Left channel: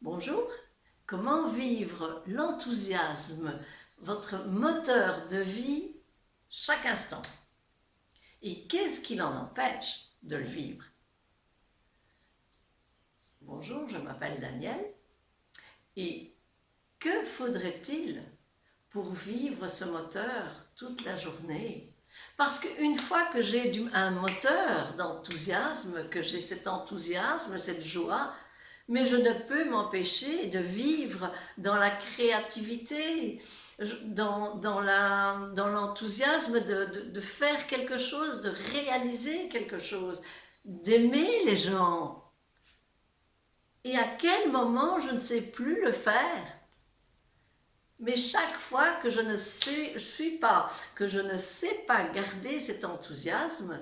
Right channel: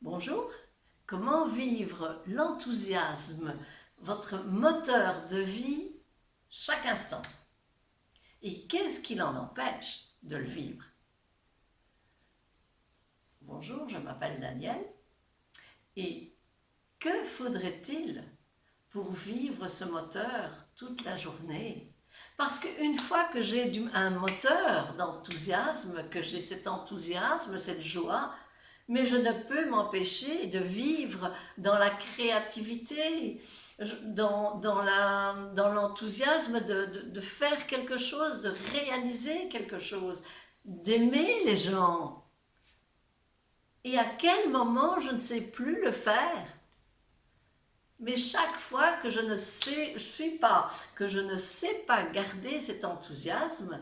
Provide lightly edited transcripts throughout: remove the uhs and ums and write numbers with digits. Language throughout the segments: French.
Bonjour, comment vivre l'enthousiasme, votre moteur de vie, chaque instant? Et qu'est-ce qui l'en empêche de le vivre? Bonjour, je m'appelle Daniel. Et que faudrait-il pour vivre ce moteur toute la journée? Parce qu'une fois que j'ai un moteur d'enthousiasme, que j'ai cet enthousiasme, cette joie, mais je ne peux m'empêcher de vivre dans la créativité, dans l'enthousiasme de faire quelque chose, de réaliser quelque chose, d'aimer les gens. Et à quel moment je ne sais plus le faire? Mais chaque fois que je ne sais pas garder cet enthousiasme,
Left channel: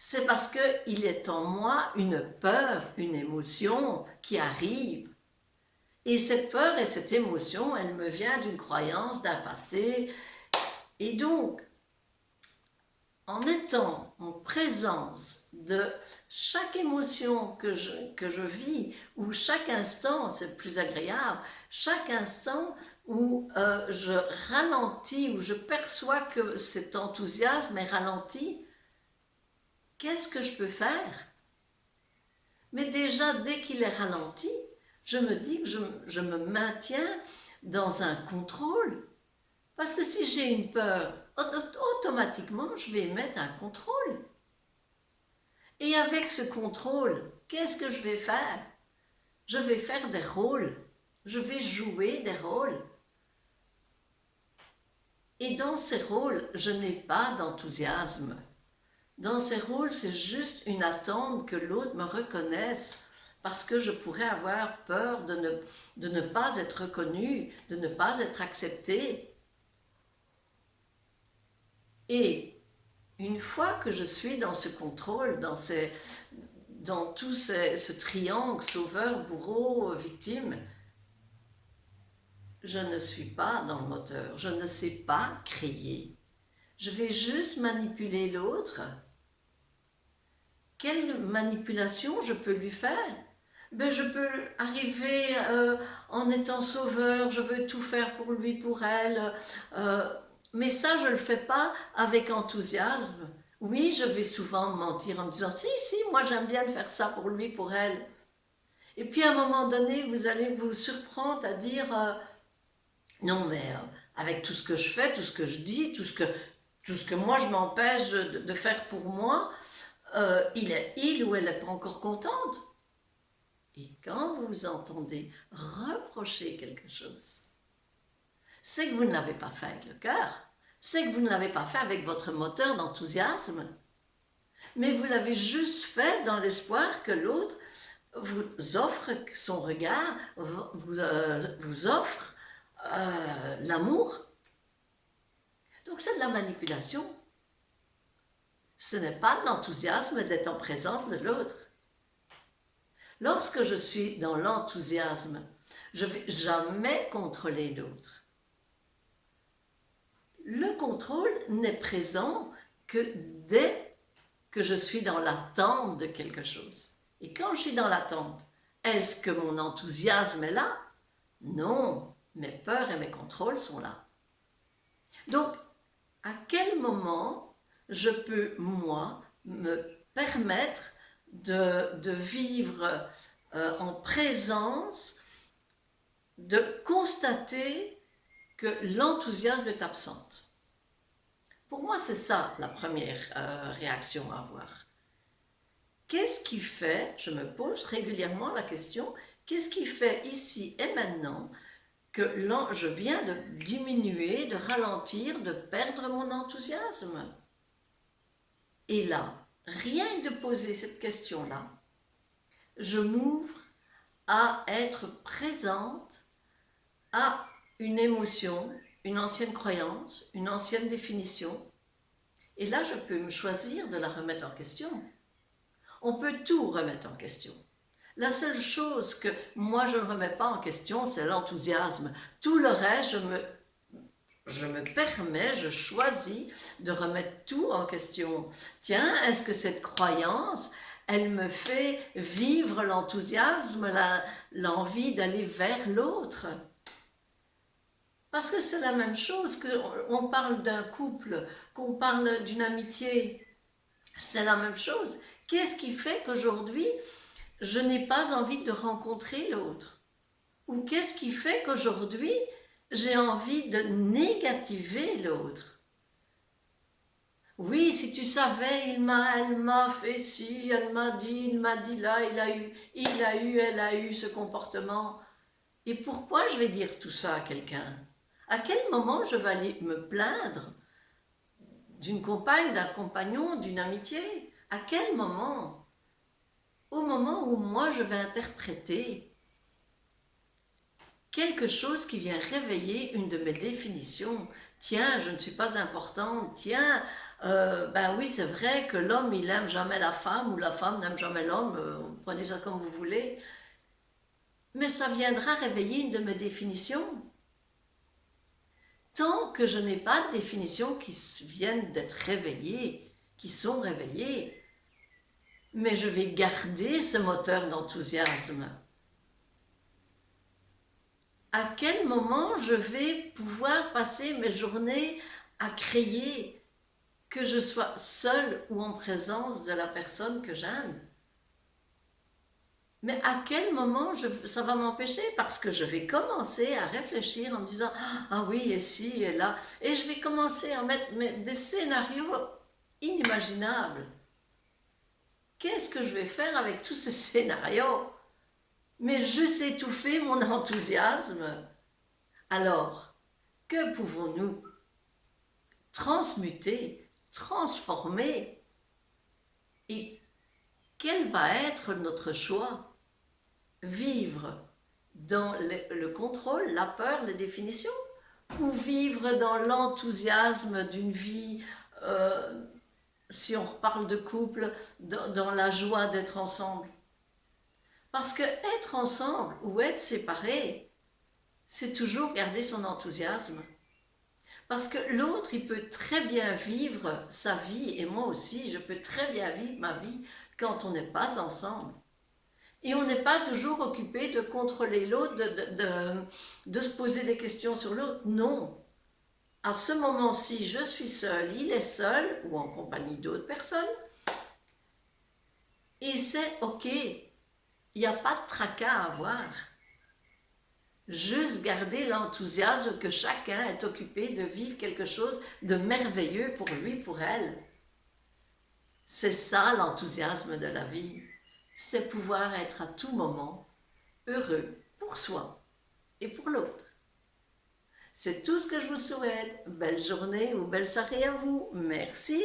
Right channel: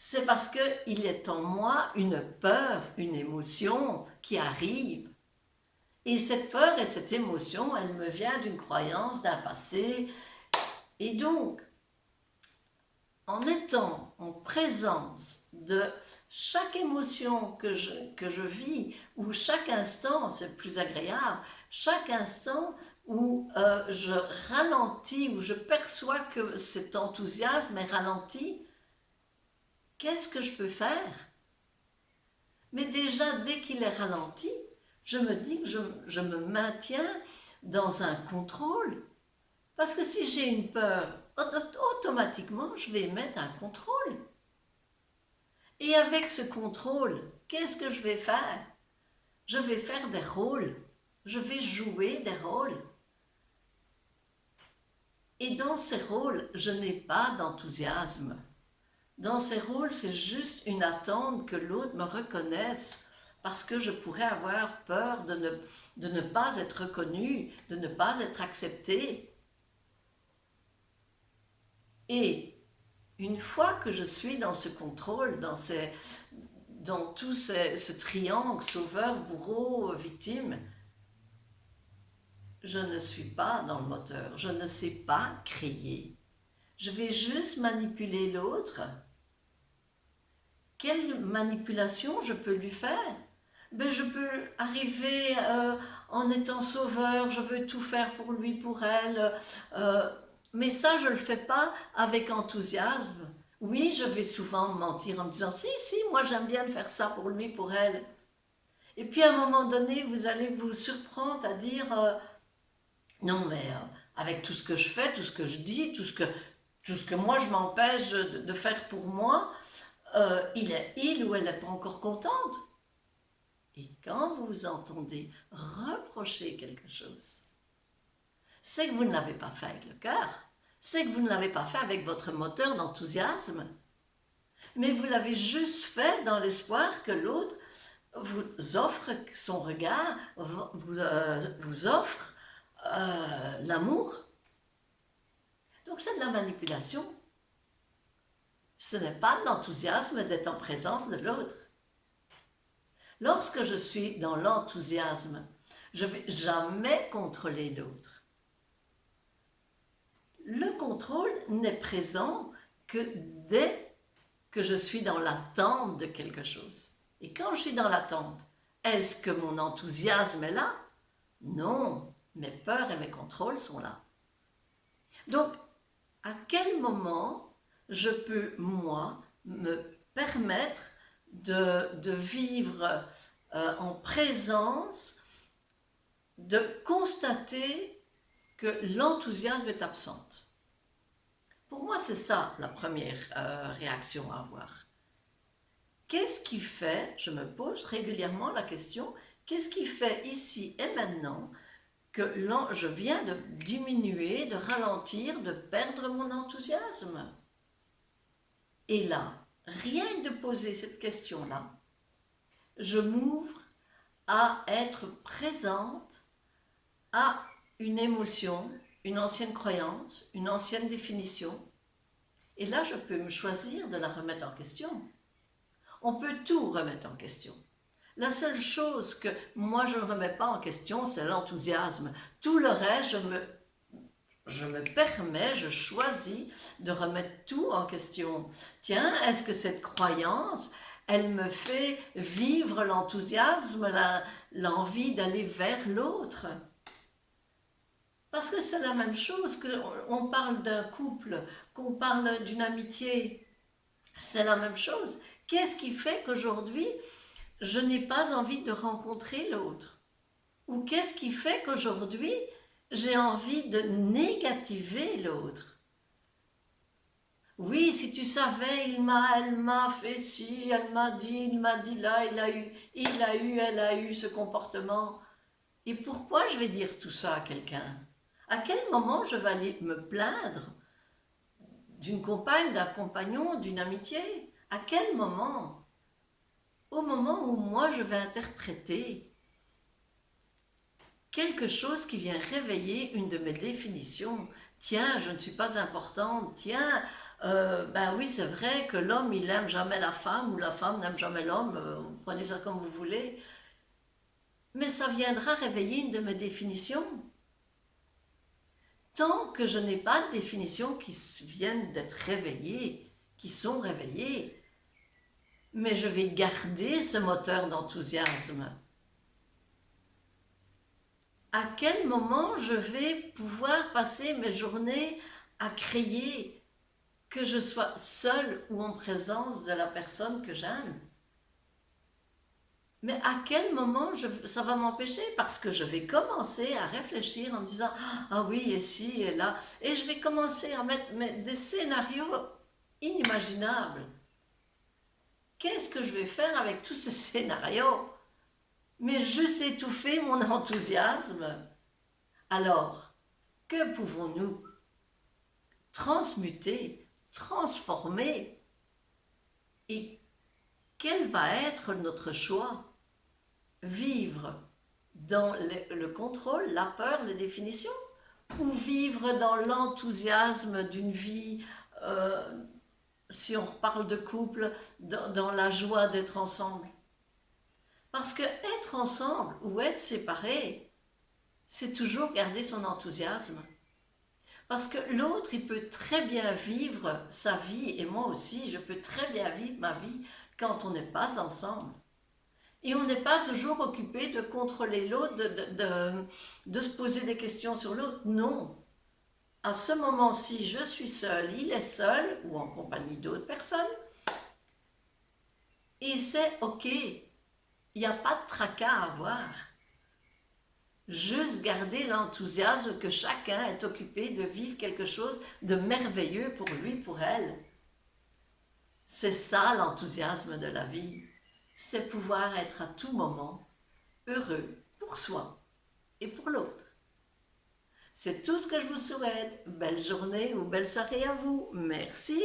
c'est parce qu'il est en moi une peur, une émotion qui arrive. Et cette peur et cette émotion, elle me vient d'une croyance, d'un passé. Et donc, en étant en présence de chaque émotion que je vis, ou chaque instant, c'est plus agréable, chaque instant où je ralentis, où je perçois que cet enthousiasme est ralenti, qu'est-ce que je peux faire? Mais déjà, dès qu'il est ralenti, je me dis que je me maintiens dans un contrôle. Parce que si j'ai une peur, automatiquement, je vais mettre un contrôle. Et avec ce contrôle, qu'est-ce que je vais faire? Je vais faire des rôles. Je vais jouer des rôles. Et dans ces rôles, je n'ai pas d'enthousiasme. Dans ces rôles, c'est juste une attente que l'autre me reconnaisse parce que je pourrais avoir peur de ne pas être reconnue, de ne pas être acceptée. Et une fois que je suis dans ce contrôle, dans tout ce triangle, sauveur, bourreau, victime, je ne suis pas dans le moteur, je ne sais pas créer. Je vais juste manipuler l'autre. Quelle manipulation je peux lui faire? Ben, je peux arriver en étant sauveur, je veux tout faire pour lui, pour elle, mais ça je ne le fais pas avec enthousiasme. Oui, je vais souvent mentir en me disant si, moi j'aime bien faire ça pour lui, pour elle. Et puis à un moment donné, vous allez vous surprendre à dire non, mais avec tout ce que je fais, tout ce que je dis, tout ce que moi je m'empêche de faire pour moi, il ou elle n'est pas encore contente. Et quand vous vous entendez reprocher quelque chose, c'est que vous ne l'avez pas fait avec le cœur, c'est que vous ne l'avez pas fait avec votre moteur d'enthousiasme, mais vous l'avez juste fait dans l'espoir que l'autre vous offre son regard, vous offre l'amour. Donc c'est de la manipulation. Ce n'est pas de l'enthousiasme d'être en présence de l'autre. Lorsque je suis dans l'enthousiasme, je ne vais jamais contrôler l'autre. Le contrôle n'est présent que dès que je suis dans l'attente de quelque chose. Et quand je suis dans l'attente, est-ce que mon enthousiasme est là? Non, mes peurs et mes contrôles sont là. Donc, à quel moment je peux, moi, me permettre de vivre en présence, de constater que l'enthousiasme est absent? Pour moi, c'est ça la première réaction à avoir. Qu'est-ce qui fait, je me pose régulièrement la question, qu'est-ce qui fait ici et maintenant que je viens de diminuer, de ralentir, de perdre mon enthousiasme? Et là, rien que de poser cette question-là, je m'ouvre à être présente à une émotion, une ancienne croyance, une ancienne définition. Et là, je peux me choisir de la remettre en question. On peut tout remettre en question. La seule chose que moi je ne remets pas en question, c'est l'enthousiasme. Tout le reste, je me permets, je choisis de remettre tout en question. Tiens, est-ce que cette croyance, elle me fait vivre l'enthousiasme, l'envie d'aller vers l'autre. Parce que c'est la même chose qu'on parle d'un couple, qu'on parle d'une amitié. C'est la même chose. Qu'est-ce qui fait qu'aujourd'hui, je n'ai pas envie de rencontrer l'autre? Ou qu'est-ce qui fait qu'aujourd'hui, j'ai envie de négativer l'autre? Oui, si tu savais, elle m'a fait ci, il m'a dit là, elle a eu ce comportement. Et pourquoi je vais dire tout ça à quelqu'un? À quel moment je vais aller me plaindre d'une compagne, d'un compagnon, d'une amitié? À quel moment? Au moment où moi je vais interpréter quelque chose qui vient réveiller une de mes définitions. Tiens, je ne suis pas importante. Tiens, ben oui, c'est vrai que l'homme, il n'aime jamais la femme ou la femme n'aime jamais l'homme. Prenez ça comme vous voulez. Mais ça viendra réveiller une de mes définitions. Tant que je n'ai pas de définitions qui viennent d'être réveillées, qui sont réveillées, mais je vais garder ce moteur d'enthousiasme. À quel moment je vais pouvoir passer mes journées à créer, que je sois seule ou en présence de la personne que j'aime? Mais à quel moment ça va m'empêcher? Parce que je vais commencer à réfléchir en me disant ah oui, et si, et là. Et je vais commencer à mettre des scénarios inimaginables. Qu'est-ce que je vais faire avec tous ces scénarios? Mais juste étouffer mon enthousiasme. Alors, que pouvons-nous transmuter, transformer? Et quel va être notre choix? Vivre dans le contrôle, la peur, les définitions, ou vivre dans l'enthousiasme d'une vie, si on reparle de couple, dans la joie d'être ensemble? Parce que être ensemble ou être séparé, c'est toujours garder son enthousiasme. Parce que l'autre, il peut très bien vivre sa vie, et moi aussi, je peux très bien vivre ma vie quand on n'est pas ensemble. Et on n'est pas toujours occupé de contrôler l'autre, de se poser des questions sur l'autre. Non. À ce moment-ci, je suis seule, il est seul, ou en compagnie d'autres personnes. Et c'est OK. Il n'y a pas de tracas à avoir. Juste garder l'enthousiasme que chacun est occupé de vivre quelque chose de merveilleux pour lui, pour elle. C'est ça l'enthousiasme de la vie. C'est pouvoir être à tout moment heureux pour soi et pour l'autre. C'est tout ce que je vous souhaite. Belle journée ou belle soirée à vous. Merci.